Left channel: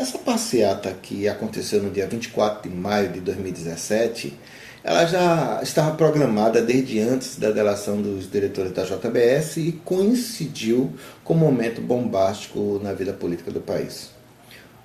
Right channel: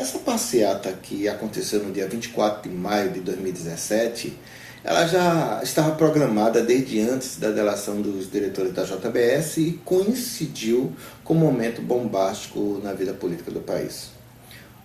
Essa passeata que aconteceu no dia 24 de maio de 2017, ela já estava programada desde antes da delação dos diretores da JBS e coincidiu com um momento bombástico na vida política do país.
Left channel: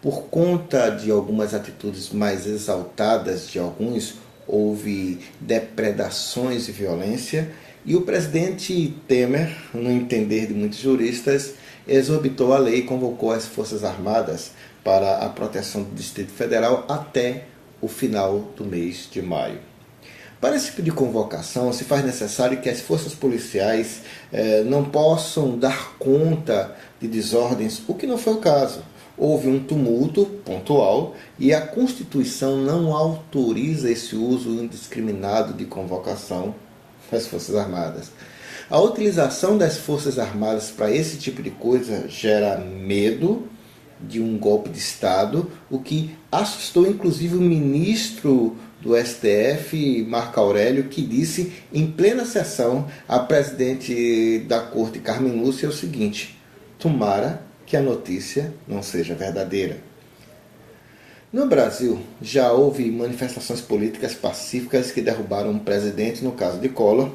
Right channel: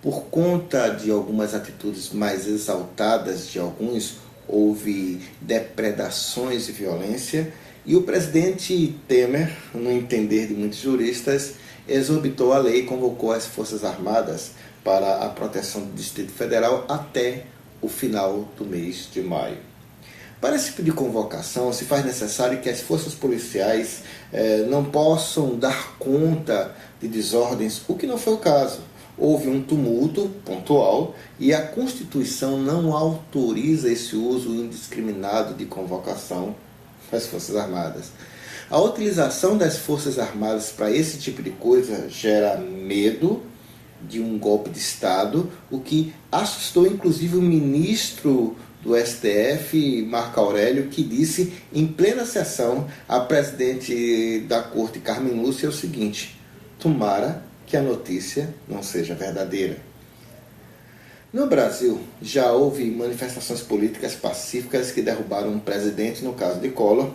Por conta de algumas atitudes mais exaltadas de alguns, houve depredações e violência, e o presidente Temer, no entender de muitos juristas, exorbitou a lei e convocou as Forças Armadas para a proteção do Distrito Federal até o final do mês de maio. Para esse tipo de convocação, se faz necessário que as forças policiais não possam dar conta de desordens, o que não foi o caso. Houve um tumulto pontual e a Constituição não autoriza esse uso indiscriminado de convocação das Forças Armadas. A utilização das Forças Armadas para esse tipo de coisa gera medo de um golpe de Estado, o que assustou inclusive o ministro do STF, Marco Aurélio, que disse em plena sessão à presidente da Corte, Carmen Lúcia, o seguinte: tomara que a notícia não seja verdadeira. No Brasil, já houve manifestações políticas pacíficas que derrubaram um presidente, no caso de Collor,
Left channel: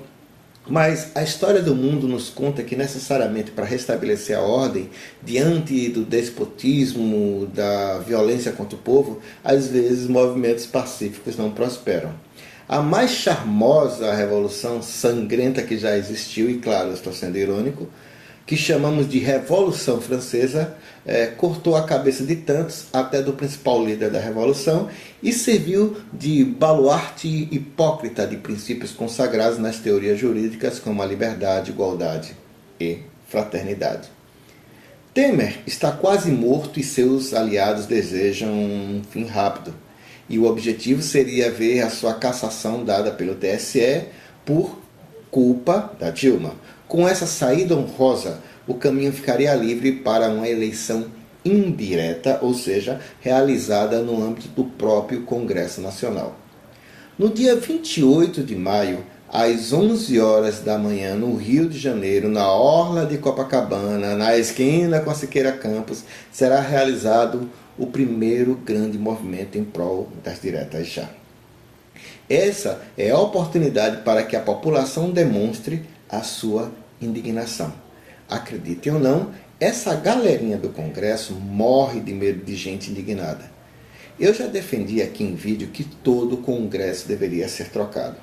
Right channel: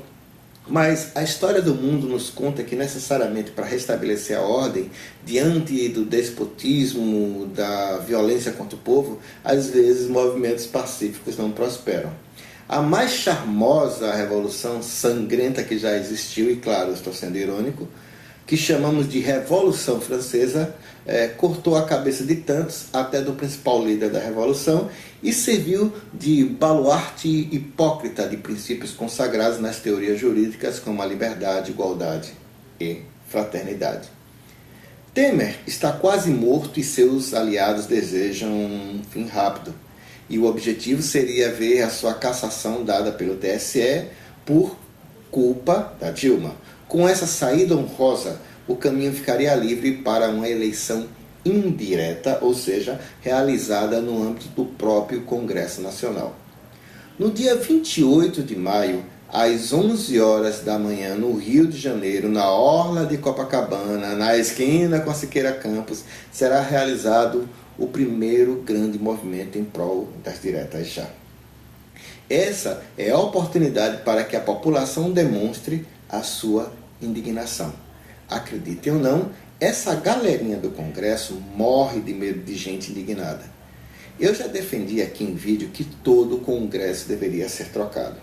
mas a história do mundo nos conta que necessariamente para restabelecer a ordem, diante do despotismo, da violência contra o povo, às vezes movimentos pacíficos não prosperam. A mais charmosa revolução sangrenta que já existiu, e claro, eu estou sendo irônico, que chamamos de Revolução Francesa, cortou a cabeça de tantos, até do principal líder da Revolução, e serviu de baluarte hipócrita de princípios consagrados nas teorias jurídicas como a liberdade, igualdade e fraternidade. Temer está quase morto e seus aliados desejam um fim rápido. E o objetivo seria ver a sua cassação dada pelo TSE por culpa da Dilma. Com essa saída honrosa, o caminho ficaria livre para uma eleição indireta, ou seja, realizada no âmbito do próprio Congresso Nacional. No dia 28 de maio, às 11 horas da manhã, no Rio de Janeiro, na orla de Copacabana, na esquina com a Siqueira Campos, será realizado o primeiro grande movimento em prol das diretas já. Essa é a oportunidade para que a população demonstre a sua indignação. Acreditem ou não, essa galerinha do Congresso morre de medo de gente indignada. Eu já defendi aqui em vídeo que todo o Congresso deveria ser trocado.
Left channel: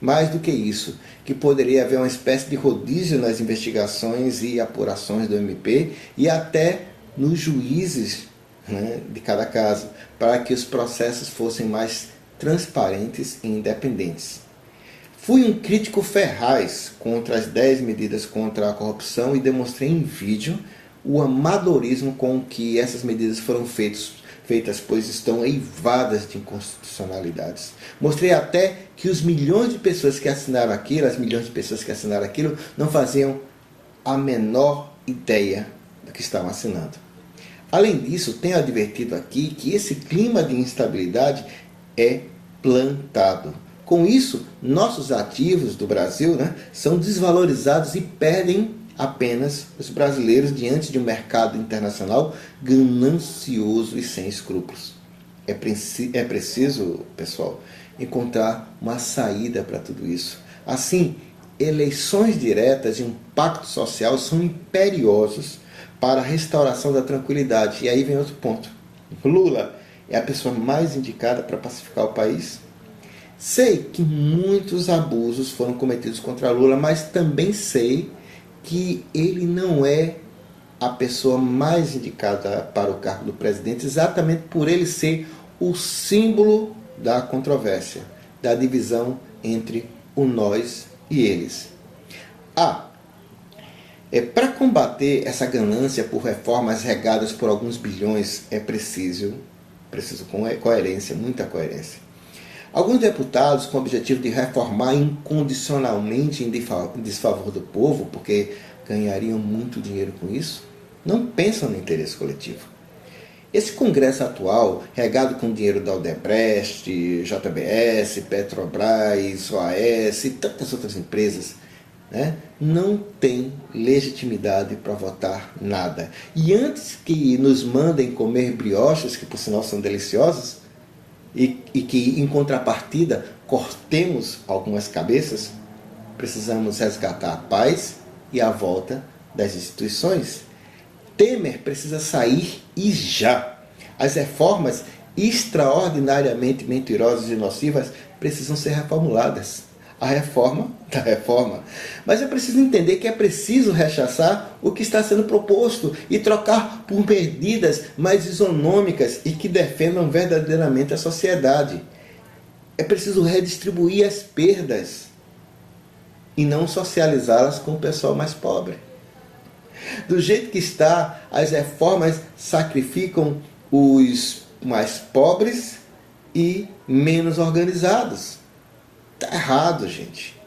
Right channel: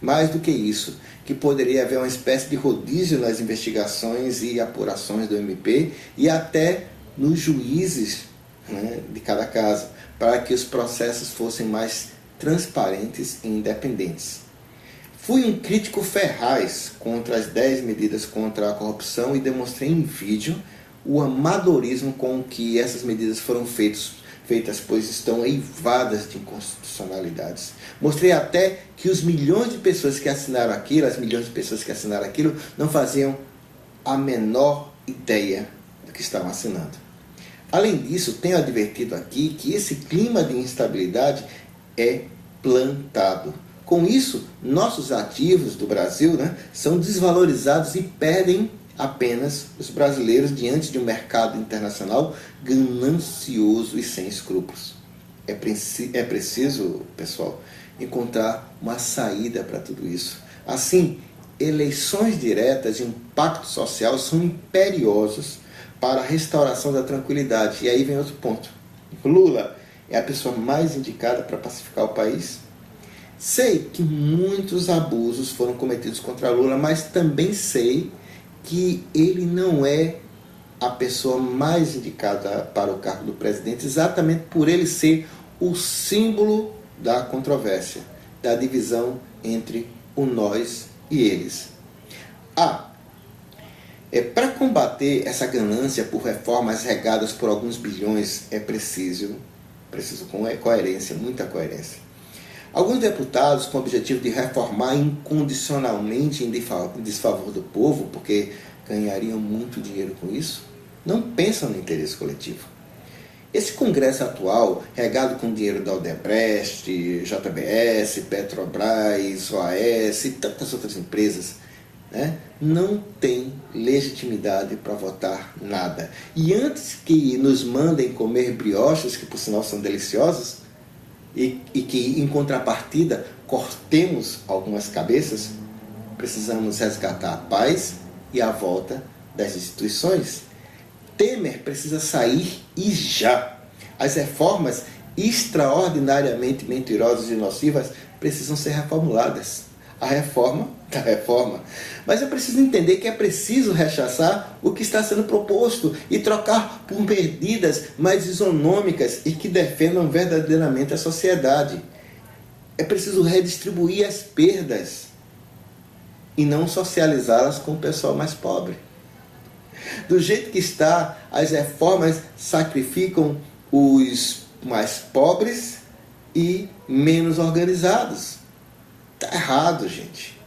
Mais do que isso, que poderia haver uma espécie de rodízio nas investigações e apurações do MP e até nos juízes, de cada caso, para que os processos fossem mais transparentes e independentes. Fui um crítico ferraz contra as 10 medidas contra a corrupção e demonstrei em vídeo o amadorismo com que essas medidas foram feitas, pois estão eivadas de inconstitucionalidades. Mostrei até que os milhões de pessoas que assinaram aquilo, não faziam a menor ideia do que estavam assinando. Além disso, tenho advertido aqui que esse clima de instabilidade é plantado. Com isso, nossos ativos do Brasil são desvalorizados e perdem apenas os brasileiros diante de um mercado internacional ganancioso e sem escrúpulos. É preciso, pessoal, encontrar uma saída para tudo isso. Assim, eleições diretas e um pacto social são imperiosos para a restauração da tranquilidade. E aí vem outro ponto. Lula é a pessoa mais indicada para pacificar o país? Sei que muitos abusos foram cometidos contra Lula, mas também sei que ele não é a pessoa mais indicada para o cargo do presidente, exatamente por ele ser o símbolo da controvérsia, da divisão entre o nós e eles. Para combater essa ganância por reformas regadas por alguns bilhões, é preciso com coerência, muita coerência. Alguns deputados, com o objetivo de reformar incondicionalmente em desfavor do povo, porque ganhariam muito dinheiro com isso, não pensam no interesse coletivo. Esse Congresso atual, regado com dinheiro da Odebrecht, JBS, Petrobras, OAS e tantas outras empresas, né, não tem legitimidade para votar nada. E antes que nos mandem comer brioches, que por sinal são deliciosos, e que em contrapartida cortemos algumas cabeças, precisamos resgatar a paz e a volta das instituições. Temer precisa sair e já. As reformas extraordinariamente mentirosas e nocivas precisam ser reformuladas. A reforma da reforma. Mas é preciso entender que é preciso rechaçar o que está sendo proposto e trocar por medidas mais isonômicas e que defendam verdadeiramente a sociedade. É preciso redistribuir as perdas e não socializá-las com o pessoal mais pobre. Do jeito que está, as reformas sacrificam os mais pobres e menos organizados. Está errado, gente.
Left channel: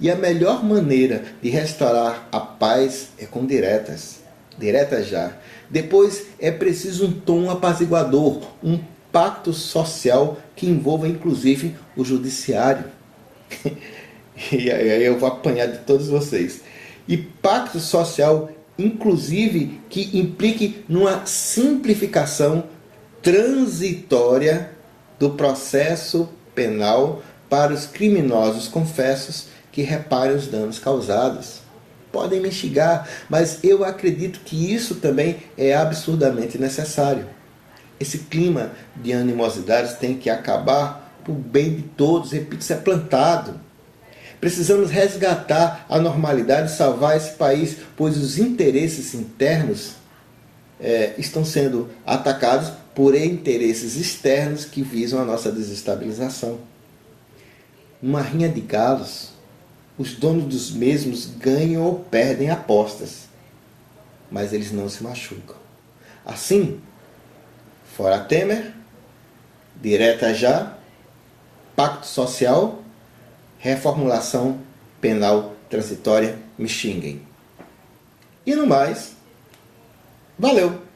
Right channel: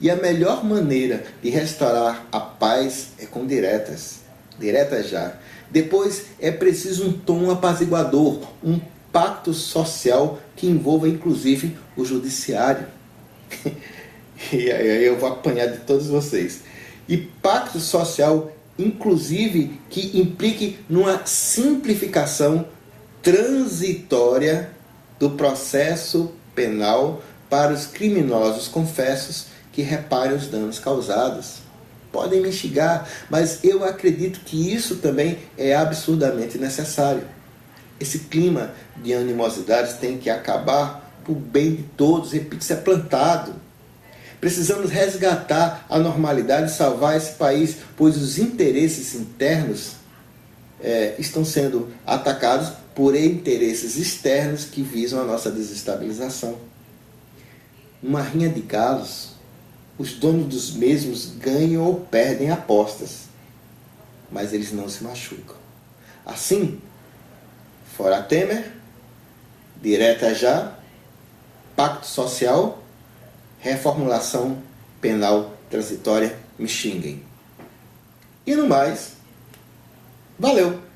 E a melhor maneira de restaurar a paz é com diretas. Diretas já. Depois é preciso um tom apaziguador, um pacto social que envolva inclusive o judiciário. E aí eu vou apanhar de todos vocês. E pacto social, inclusive, que implique numa simplificação transitória do processo penal para os criminosos confessos que reparem os danos causados. Podem me xingar, mas eu acredito que isso também é absurdamente necessário. Esse clima de animosidades tem que acabar por bem de todos, repito, isso é plantado. Precisamos resgatar a normalidade e salvar esse país, pois os interesses internos estão sendo atacados por interesses externos que visam a nossa desestabilização. Uma rinha de galos, os donos dos mesmos ganham ou perdem apostas, mas eles não se machucam. Assim, fora Temer, direta já, pacto social, reformulação penal transitória, me xinguem. E no mais, valeu!